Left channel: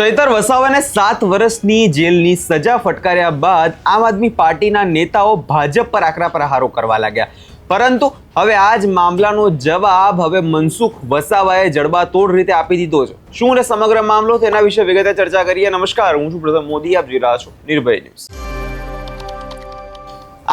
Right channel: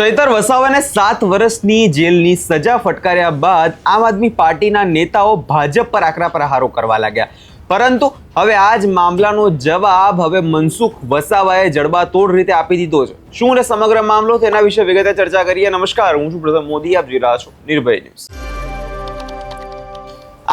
ચૈતર વસાવાને 7 વર્ષની જેલની સજા ફટકાર્યા બાદ આમ આદમી પાર્ટીના નેતાઓ ભાજપ પર આકરા પ્રહારો કરવા લાગ્યા. પરંતુ હવે આ જ મામલાનો જવાબ હવે મનસુખ વસાવાએ જડબાતોડ રીતે આપી દીધો છે. શું છે સમગ્ર મામલો, તેના વિશે વિગતે ચર્ચા કરીએ. નમસ્કાર, હું છું પ્રથમ મોદી, આપ જોઈ રહ્યા છો નિર્ભય ન્યૂઝ.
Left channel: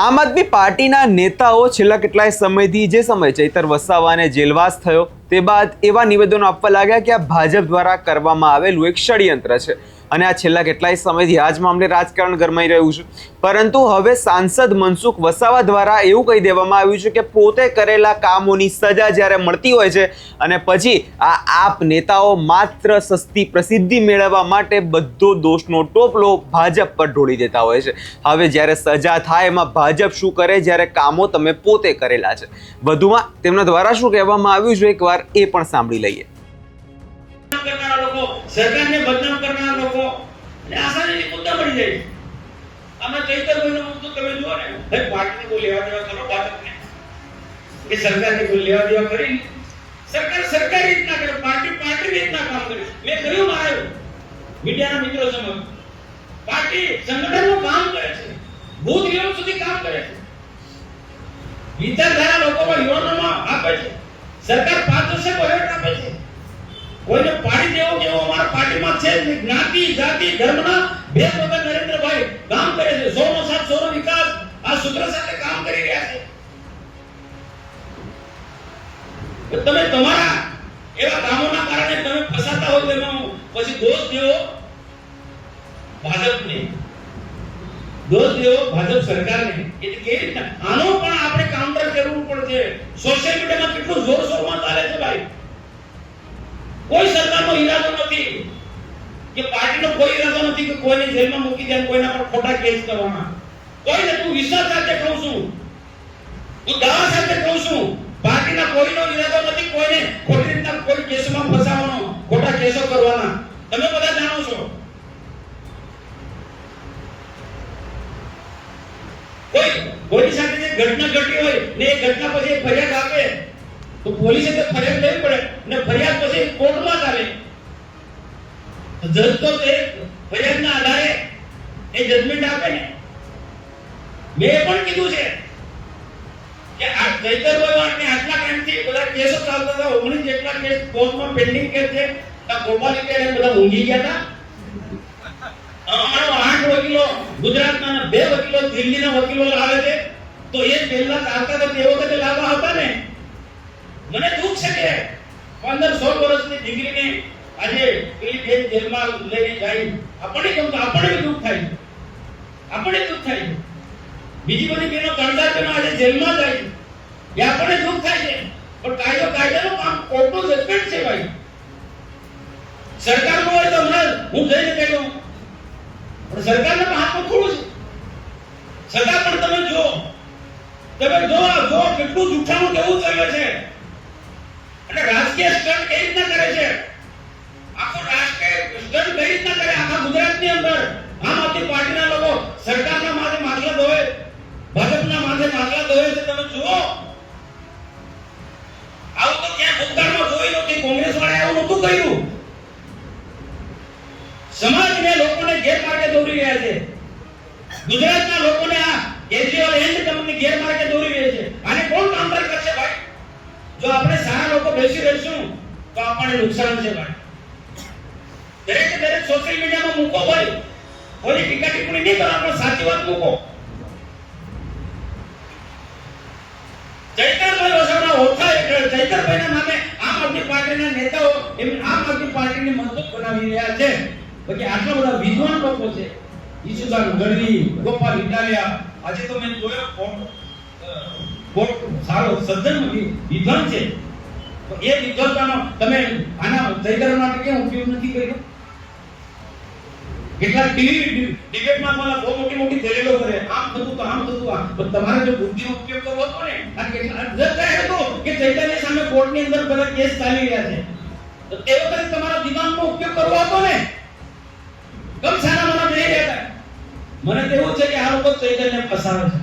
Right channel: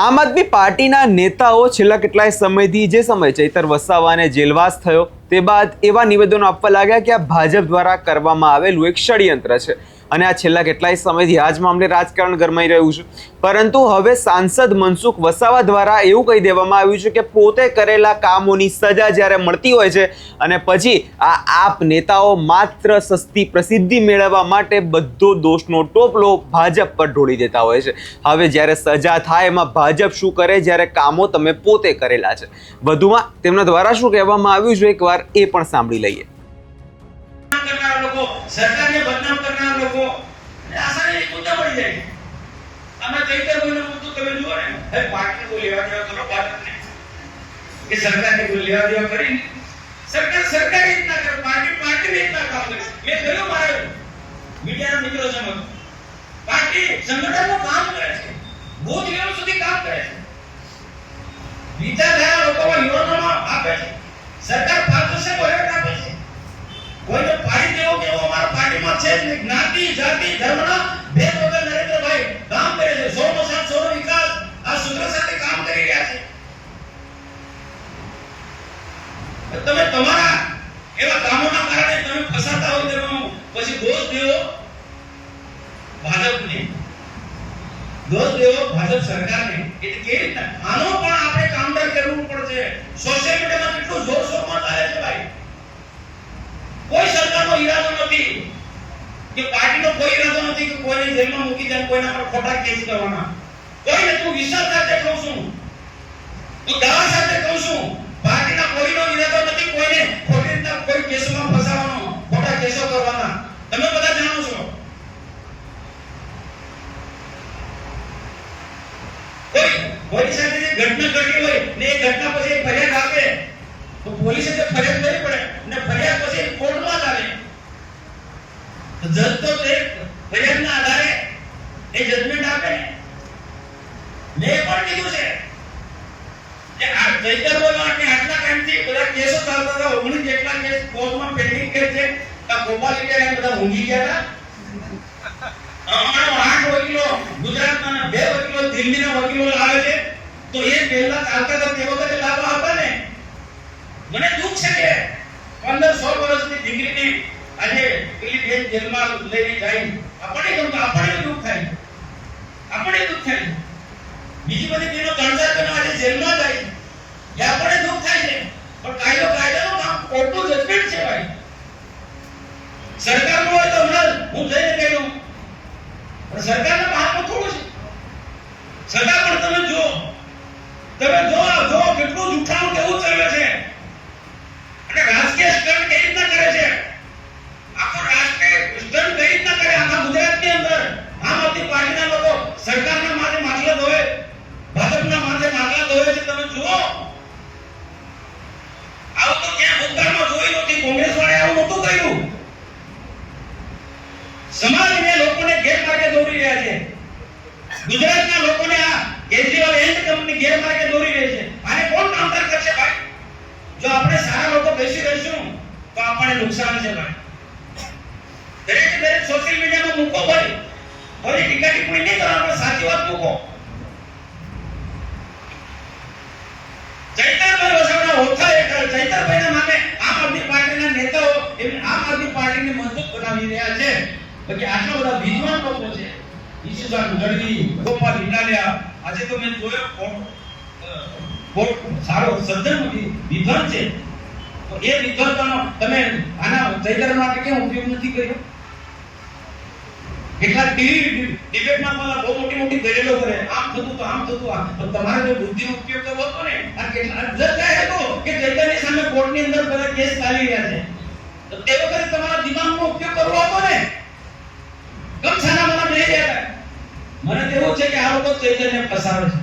આમ આદમી પાર્ટીના નેતાઓ છેલ્લા કેટલાય સમયથી જે સમયે ચૈતર વસાવાને જેલવાસ થયો તે બાદ એવા નિવેદનો આપવા લાગ્યા કે આ ભાજપ દ્વારા કરવામાં આવેલું એક ષડયંત્ર છે અને આ છેલ્લા કેટલાય સમયથી આ જ મામલે રાજકારણ ગરમાઈ રહ્યું છે. પરંતુ હવે સાંસદ મનસુખ વસાવા દ્વારા એવું કહી દેવામાં આવ્યું છે કે પોતે કરેલા કામોની સજા જ્યારે મળતી હોય છે અને પછી આ આપ નેતાઓ માત્ર સસ્તી પ્રસિદ્ધિ મેળવવા માટે બધો દોષનો ટોપલો ભાજપ પર ઢોળી દેતા હોય છે. હવે જ્યારે સજા થાય એમાં ભાજપ શું કરે જ્યારે કામો તમે પોતે કરેલા છે. વધુમાં તેમના દ્વારા શું કહેવામાં આવ્યું છે એકવાર એ પણ સાંભળી લઈએ. સરકારને બદનામ કરનાર લોકો ને આસાની કુત્તા મળી જાય. અમે ચૈતર ભાઈનું તો તમે જુઓ ને, ભાઈ પાર્ટીને કોઈ લેવા દેવા કરો ભાજપને કે સરકારને કોઈ લેવા દેવા કરી. સરકાર રીતના કરે, પાર્ટી રીતના કામ કરે. મેં કહ્યું મારે મીડિયાના મિત્રો છે, પાર્ટી સંગઠનનું કામ કરે છે, બૂથ લેવલ સુધી કામ કરે છે, વિચારધારા લોકોમાં યુવાનોમાં આપે છે. સરકાર 5 વર્ષે બજેટ આપે છે. કોઈને પાડી દેવો કે અમારા પાર્ટીમાં છે જ્ઞાતિ જાતિ ધર્મના ભેદ વગર નરેન્દ્રભાઈ કામ કરે છે. 100 નો 700 નો વિકાસ આ સૂત્ર સાથે કામ કરી રહ્યા છે. તમે તમારા એવા કામોના કારણે તમે ફસાતા હો તેમાં પછી દોષ દેવો ભાજપને, દોષ દેવો ભાજપ સરકારને. એટલે કેવી રીતના આનો પણ આપણે કાઉન્ટર કરવું પડશે. સોશિયલ મીડિયામાં કેટલું જોર શોરમાં ચાલે છે ભાઈ. કોઈ સરકારનો ઈરાદો નથી કે પાર્ટીનો કોઈ ઈરાદો નથી કે કોઈને જેલમાં મૂકી દે, કોઈના પર ખોટા કેસ કરવાના. કોઈને તું વિશ્વાસ સાથે કહું છું, તું દાવા સાથે કહું છું, પાર્ટીના કોઈનો ઈરાદો નથી કોઈને ખોટી રીતના કોઈ કેસમાં ફસાવવાનો, ખોટા કેસો કરવાના. તમે બધા જાણો છો. કોઈ સાથે ઘટના ઘટી હોય ને એ ઘટના પછી ફરિયાદ આપે તો પોલીસે તે ફરિયાદ કરવી પડે ને ફરિયાદ પછી કોર્ટમાં ચાલે. જજ તો તે ફરિયાદના આધારે એ જજમેન્ટ આપે ને. મેં પણ કીધું છે કે આ ચૈતરભાઈ માટે આટલા ટાઈમથી બધા કેસો ચાલતા હતા. 19 જેટલા કેસ કોર્ટમાં પેન્ડિંગ કેસ છે. આ ગોપાલ બધા ઊંઘી ગયા હતા. અમારો 8 વકીલો ગુજરાતના 2 વકીલો દિલ્હીના વકીલો લાવે છે તો એ પહેલા ચાલતા હતા તે વખતે લાવવા હતા ને. મને દુઃખ છે કે 15-16 વર્ષની દીકરીને આજે પેલી બેન જેલમાં લઈને જાય. આપણે દુઃખ થાય. બીજી બધી બેનો કાયદા બેનો આજે જેલમાં જાય એ આપણે દુઃખ થાય છે. પણ કાયદાનું કામ કોર્ટનું જજમેન્ટ છે ભાઈ. સરકાર હોય તો હું જઈને કહ્યું પણ સરકારના હાથમાં થોડું છે. સરકાર પણ તમે જો કેટલું જૂઠાણું કેવું ચાલે છે અને રાજકીય સ્ટન્ટ કઈ રીતના કરે છે. આખો રાજકીય સ્ટન્ટ કઈ રીતના કરે. આખા ગુજરાતની અંદર આમ આદમી પાર્ટીના લોકો સરકારના માથે માગલા ધોવે, ભાજપના માથે માગલા ધોવે છે. તમે જુઓ આવું તો ક્યાં ભૂતકાળમાં જોયું નથી. કોંગ્રેસ વાળાએ આવું નહોતું કર્યું. સમાજને લોકોને ગેરમાર્ગે દોરી રહ્યા છે. ગુજરાતના લોકોને આ કેજરીવાલ એન્ડ કંપની ગેરમાર્ગે દોરી રહી છે. આને કોણ કાઉન્ટર કરશે ભાઈ? જો આપણે સારા લોકો બેસી રહીશું તો આપણને નુકસાન છે ભાઈ. દરેક સોશિયલ મીડિયામાં મૂકો ભાઈ. કોઈ ટીકા ટિપ્પણી નહીં કરો, પણ સાચી વાત મૂકો. ચૈતરભાઈ વસાવાના ઓળખા હેઠળ ચૈતરભાઈના નામે આમ આદમી પાર્ટીના નેતાઓ આમ આદમી પાર્ટીને મજબૂત બનાવી રહ્યા છે. બાકી આટલા બધા વિદ્વાન લોકો છે. ઈશુદાન ગઢવી, ગોપાલ ઇટાલિયા, આજે તો મેં જોયો કોર્ટ સારો સજ્જન વિદ્વાન છે. તો એ વિદ્વાનનો તમે આના ચૈતર માટે કેમ ઉપયોગ નથી કર્યો? કેટલા ટીવી ડિબેટમાં મને બહુ મોટી દલીલો કરે, આમ થતું તો તમારે જો બુદ્ધિનો ઉપયોગ કરવો હતો ને, આ કેટલા જજ કહે તો કે ચૈતરની સામે કોર્ટની અંદર બધા કેસ ચાલી રહ્યા છે તો તે વખતે તમારા દિમાગનો ઉપયોગ કરવો હતો ને. કમ સારા મને નહીં રહેતા. મને તો એવું છે કે આ લોકો ચૈતન્ય ફસાવે છે.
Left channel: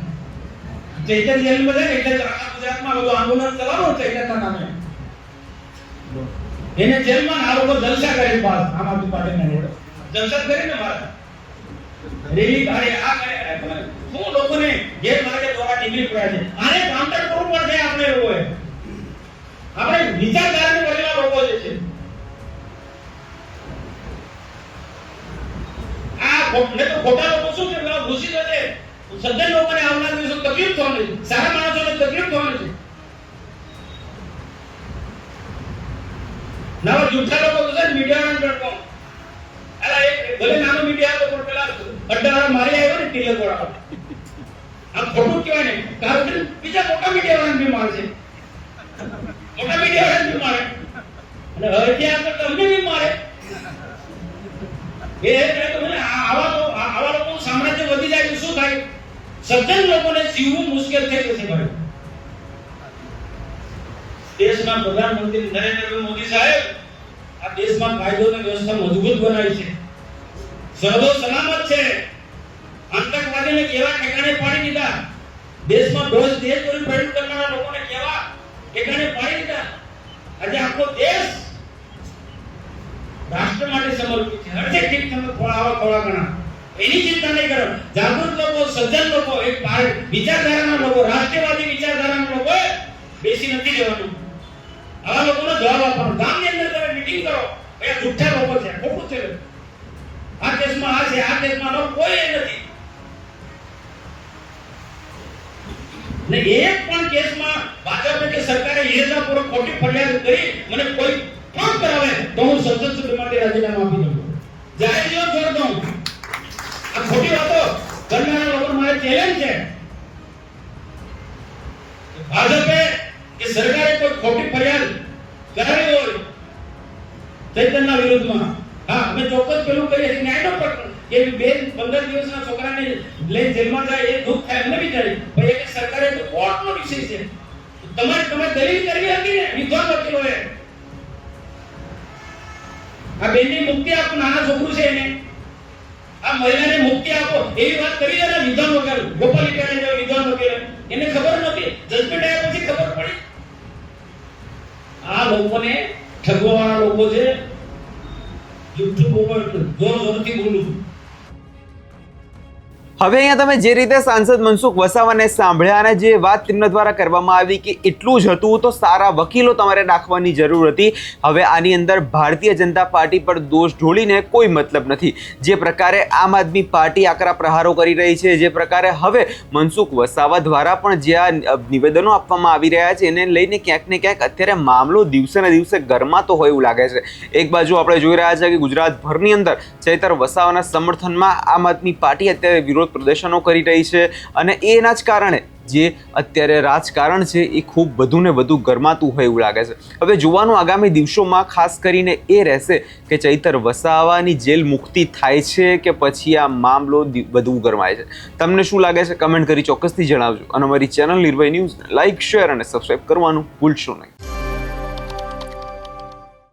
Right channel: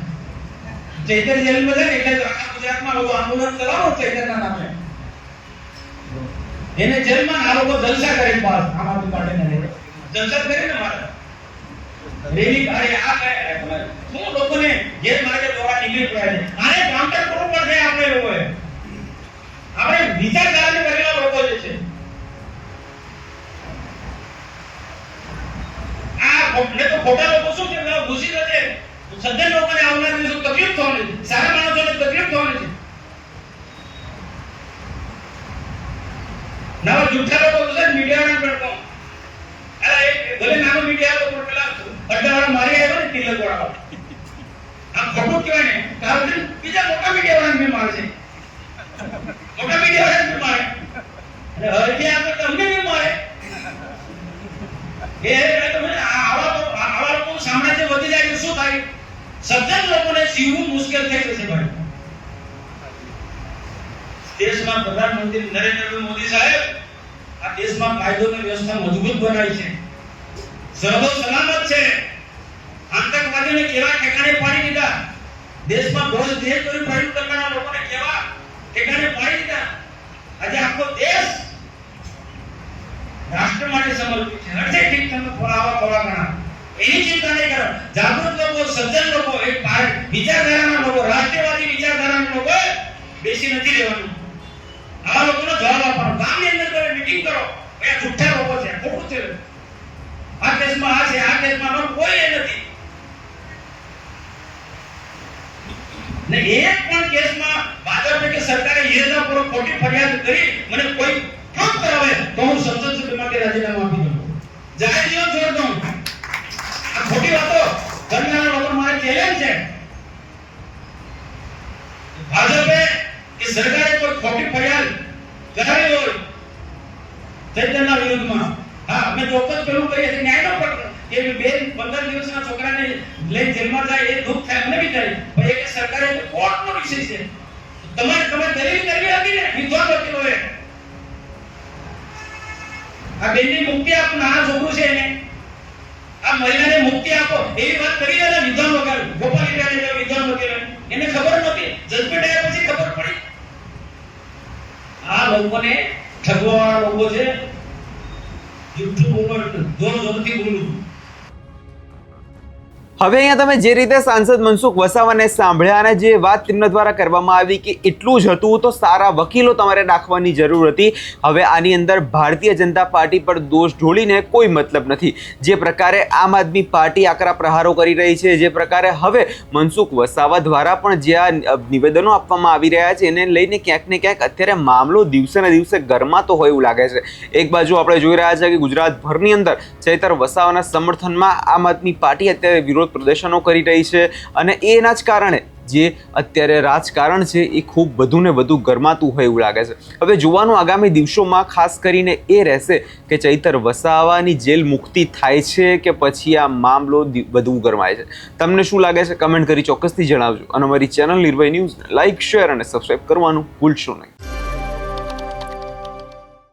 ચૈતન્ય જેલમાં છે ને એટલે આખા ગુજરાતમાં લોકો આંદોલન ચલાવો ચૈતન્યના નામે. એને જેલમાં આ લોકો જલસા કરી પાસ આમ આદમી પાર્ટીના નેતા. સંસદ કરીને મારે રેલી કાઢે આ કાઢે શું લોકોને ગેરમાર્ગે દોરા નીકળી પડે છે. આને કાઉન્ટર કરવું પડશે આપણે લોકોએ. આપણે વિચારધારાને કરેલા લોકો જે છે આ ને તો ખોટા લોકો શું છે ઘુસી જશે. સજ્જન લોકોને આવનાર દિવસો તકલીફ થવાની છે, સારા માણસોને તકલીફ થવાની છે. નવા જૂઠા લોકો છે મીડિયાના પડતો અરે ભલે નાનો મીડિયા લોકો પેલા અડ્ડાવાળા મારી આવ્યો ને તિલક વાળા આ ખોટું કહેવાય ને કારણ કે બીજા મોટા મીડિયા વાળાને બી મારે છે. મોટા મીડિયા વાળાને બી મારે અને હવે ત્યાં આગળ તમને બી મારે એ તમને આવા લોકો સામ્રાજ્ય વધી જાય તો શું થાય? સજ્જન લોકોને જીવવું મુશ્કેલ થઈ જશે ભાઈ. દેશમાં પ્રધાનમંત્રી નરેન્દ્ર મોદી સાહેબ આ દેશમાં કાયદો અને વ્યવસ્થા મજબૂત બનાવી છે, સર્વો સલામત છે. આતંકવાદીને કેવા ઠેકાણે પાડી દીધા, દેશમાં દેશદ્રોહી ફેરવી કરનારા લોકોને કેવા ઠેકાણે પાડી દીધા. આજે આખો દેશ રાષ્ટ્ર માટે સમર્પિત છે. હરજે ઠીક તમને ફળાવા ફળાગણા એની ચિંતા નહીં કરો. જાગૃત લોકો, સજ્જન લોકો, એક વિચારધારાના લોકો, રાષ્ટ્રવાદી વિચારધારાના લોકો બેસી નથી રહેવાનું. આવા લોકોને જવાબ આપવાનો. ગામની અંદર તમે મીટિંગ કરો, એ જુઠ્ઠા લોકો છે, ખોટું છે. આ કેસમાં આ છે, આ કેસમાં કોઈ નથી ને એક પણ કેસમાં ભાજપે કે સરકારે યથાપૂર્વક ખોટી ફરિયાદ કરી મને કોઈ પ્રૂફ કરાવે તો હું સંસદ સભ્ય માટે રાજીનામું આપી દઉં, જાહેર જીવન છોડી દઉં. આ ખોટી વાતો કરનારા લોકો મારે ચેલેન્જ છે. ભાજપે કે સરકારે કોઈ ખોટી ફરિયાદ કરાવી હોય ચૈતન્યના વિરુદ્ધમાં, હા અમે ચોક્કસ પેલું કહીએ છીએ ન્યાયનો પ્રશ્ન કે 15 દિવસના છોકરાને લઈ જેલમાં જાય એ દુઃખ થાય, અમને બી થાય. પણ એ સરકારે તો કોર્ટનો વિષય છે. તમે દલીલ કરવી હતી ને વિદ્વાન વકીલોએ આ બેનની મુક્તિ આપો, નાના છોકરું છે એને આ મહિલાને મુક્તિ આપો એવી વાત કરી ને વિદ્વાન વકીલ ગોપાલ ઇટાલિયા વિદ્વાન વકીલ એને ખબર નથી, જજમેન્ટ આવ્યા પછી ખબર પડી. આ લોકોને ઠગવાવાળા લોકો છે. જુઠ્ઠું બોલવાનું જોર જોરથી બોલું. હવે અહીંયા તમે જે રીતે સાંસદ મનસુખ વસાવાને સાંભળ્યા અને જે વાત તેમના દ્વારા કરવામાં આવી કે એટલું જ હતું તો સારા વકીલો તમારે રાખવાની જરૂર હતી. હવે આની અંદર ભારતીય જનતા પાર્ટી પર દોષ ઢોળીને કોઈ મતલબ નથી. જે પ્રકારે આમ આદમી પાર્ટી આકરા પ્રહારો કરી રહી છે, જે પ્રકારે હવે મનસુખ વસાવા દ્વારા પણ જે આ નિવેદનો આપવામાં આવી રહ્યા છે એને લઈને ક્યાંક ને ક્યાંક અત્યારે મામલો દિવસે ને દિવસે ગરમાતો હોય એવું લાગે છે. એક બાજુ આપણે જોઈ રહ્યા છે કે ગુજરાતભરની અંદર ચૈતર વસાવાના સમર્થનમાં આમ આદમી પાર્ટી અત્યારે વિરોધ પ્રદર્શનો કરી રહી છે અને એના જ કારણે જે અત્યારે રાજકારણ છે એ ખૂબ વધુ ને વધુ ગરમાતું હોય એવું લાગે છે. હવે જોવાનું આગામી દિવસોમાં ખાસ કરીને એ રહેશે કે ચૈતર વસાવાની જેલ મુક્તિ થાય છે કે પછી આ મામલો વધુ ગરમાય છે. તમને શું લાગે છે કમેન્ટ કરી ચોક્કસથી જણાવજો અને અમારી ચેનલ નિર્ભય ન્યૂઝ લાઇક, શેર અને સબસ્ક્રાઇબ કરવાનું ભૂલશો નહીં.